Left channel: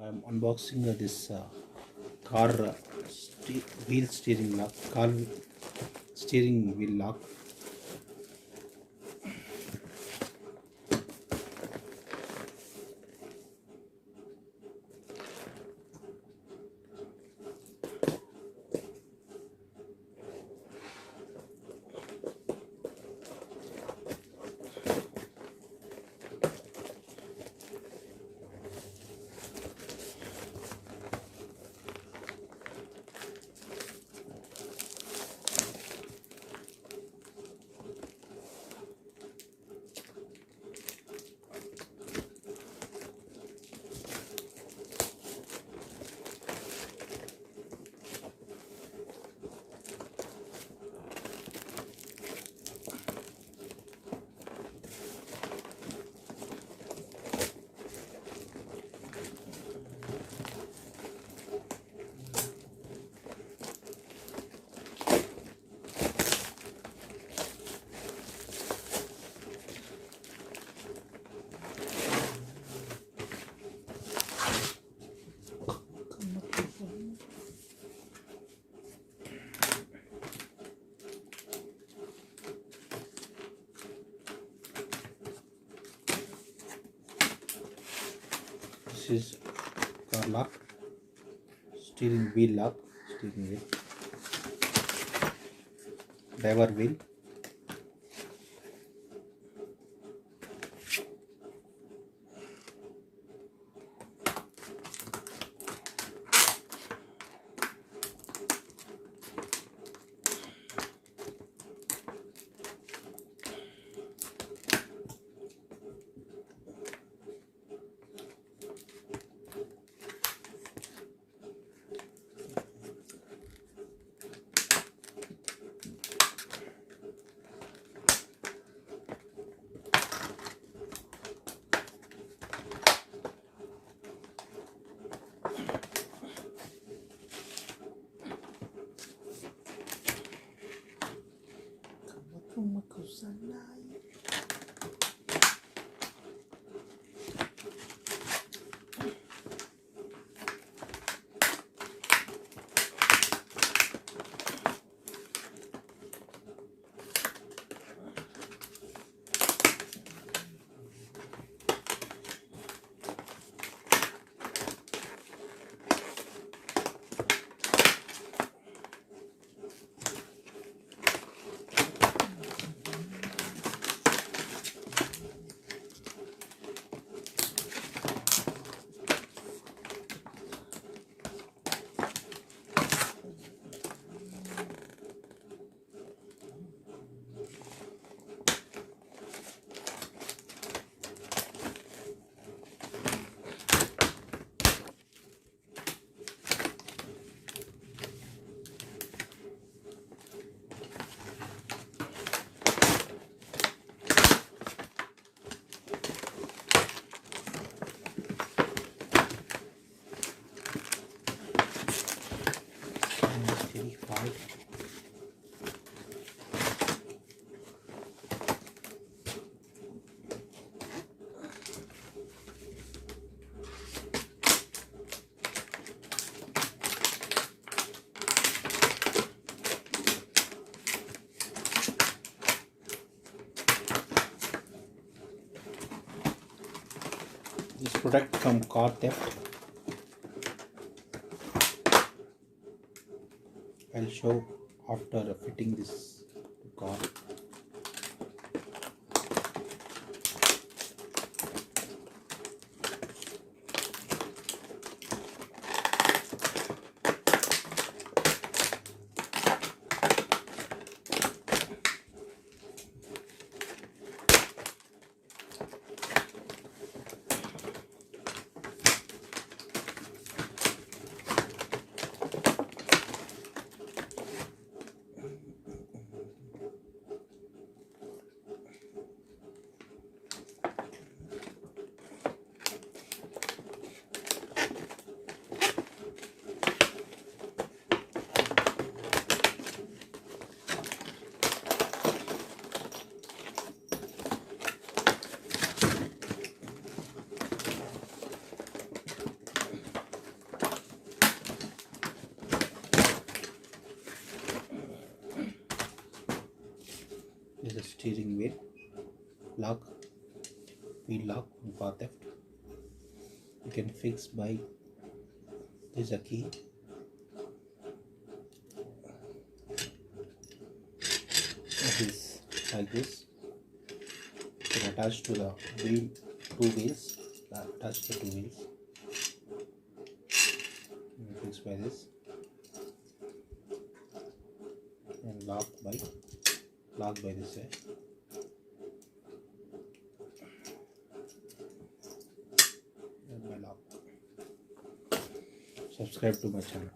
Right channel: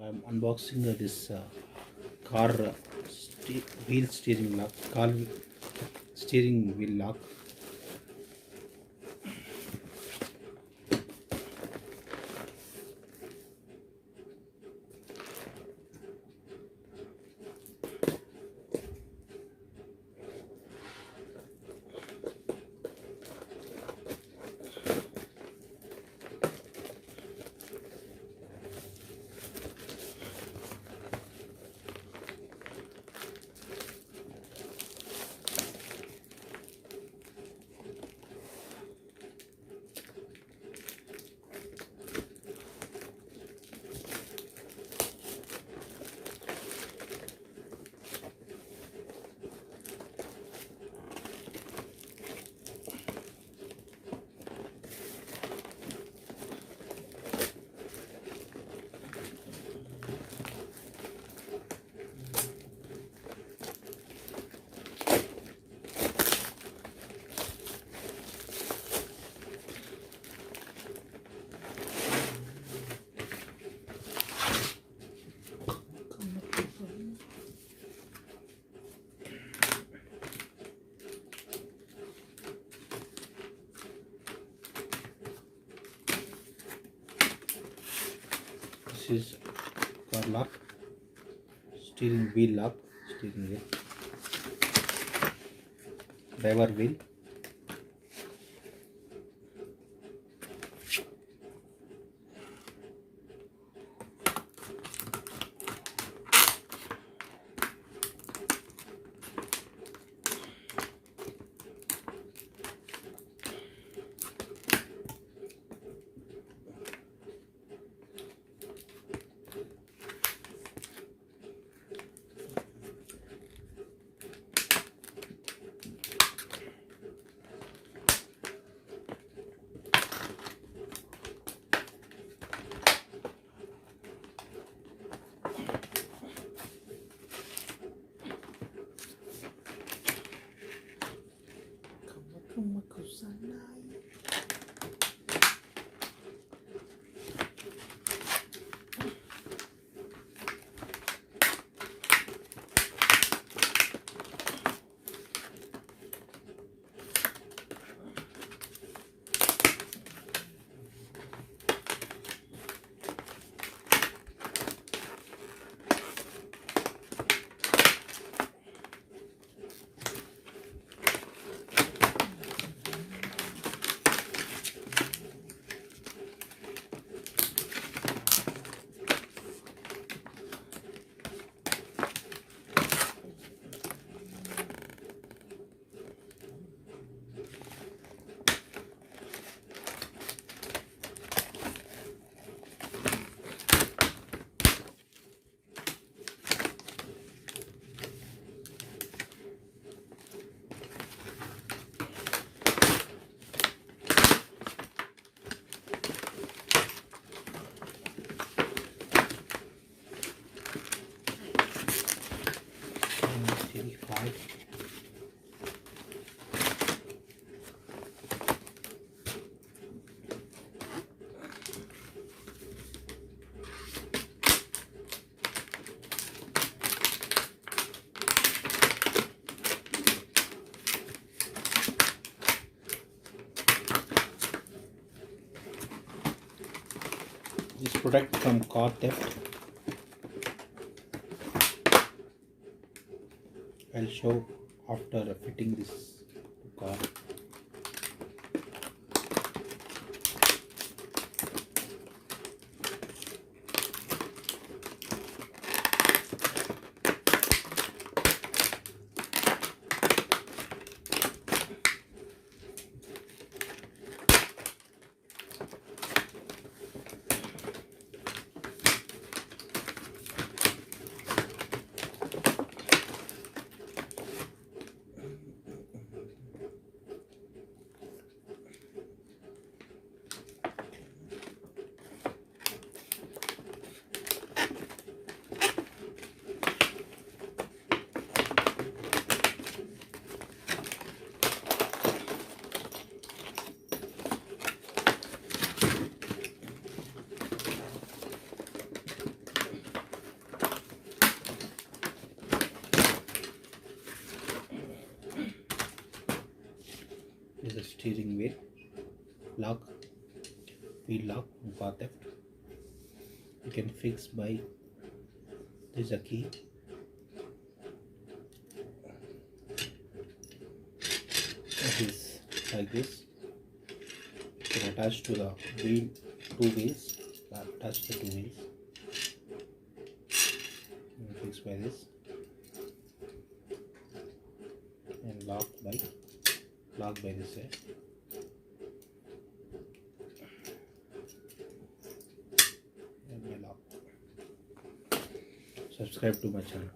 I'm unboxing this car wheel steering lock, steering wheel lock. This is car lock, steering wheel lock, steering wheel, driver wheel. Terrified. This product from car theft. I'll show after fitting this car. steering wheel lock, wheel lock on car theft. You can fix by, there's a key. It is like this. You can attach to the wheel, two wheels. Attach the two wheels. You can fix by this and lock by this way. And my lock. Subscribe to my channel.